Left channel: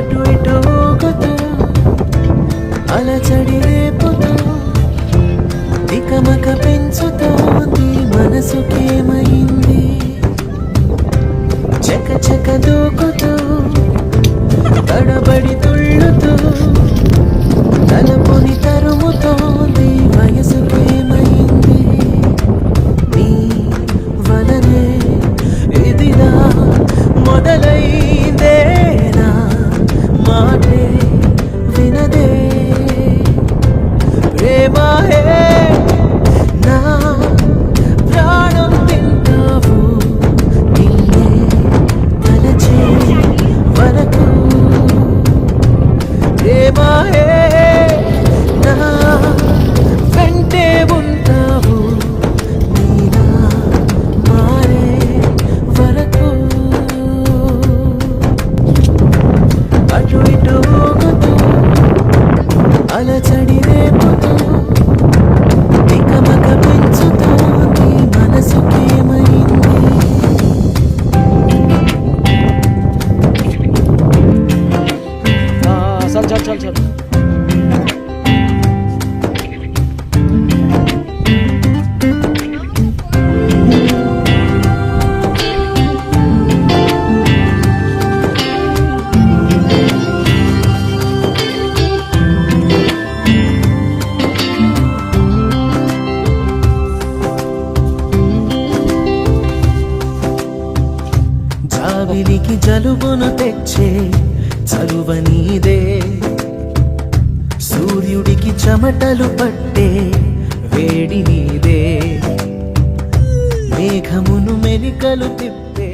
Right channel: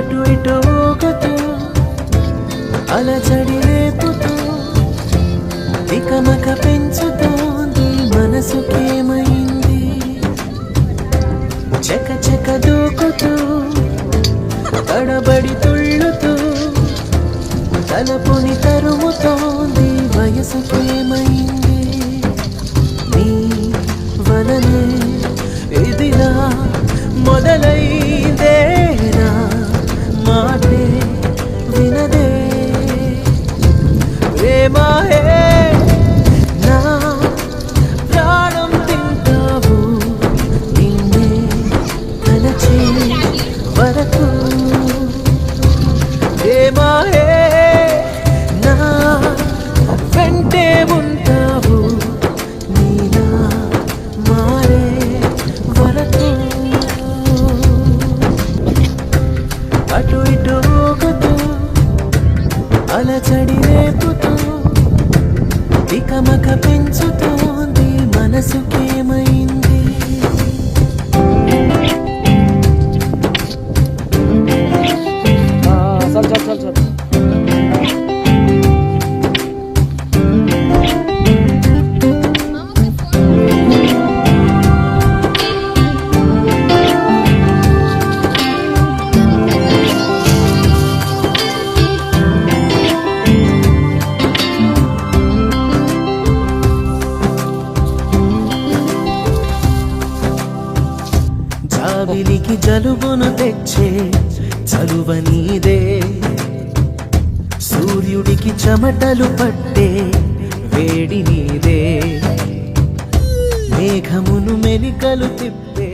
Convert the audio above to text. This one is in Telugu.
అటు ఇటు ఊగుతూ అలచడి రేపుతూ తికమక పెంచుతోంది మనసుకేమైంది. చక చక దూకుతూ తడబడి తుళ్ళుతూ తలపుని తరుముతోంది వయసుకేమైంది. నీ వలనే ఇదిలా మొదలై మాటే వినదే. ప్రేమాయే నా ప్రాణం తింటావు. నిన్నే తలచే వరకు. ప్రేమాయే నా వెంటే అటు ఇటు ఊగుతూ అలచడి రేపుతూ ఇకమక పెంచుతోంది మనసుకేమైంది జాబిలికి జలుబును తెచ్చే చలువ నీదే. సూర్యుడికి చెమటలు పట్టే వేడి నీదే. మేఘమును మెలికలు తిప్పే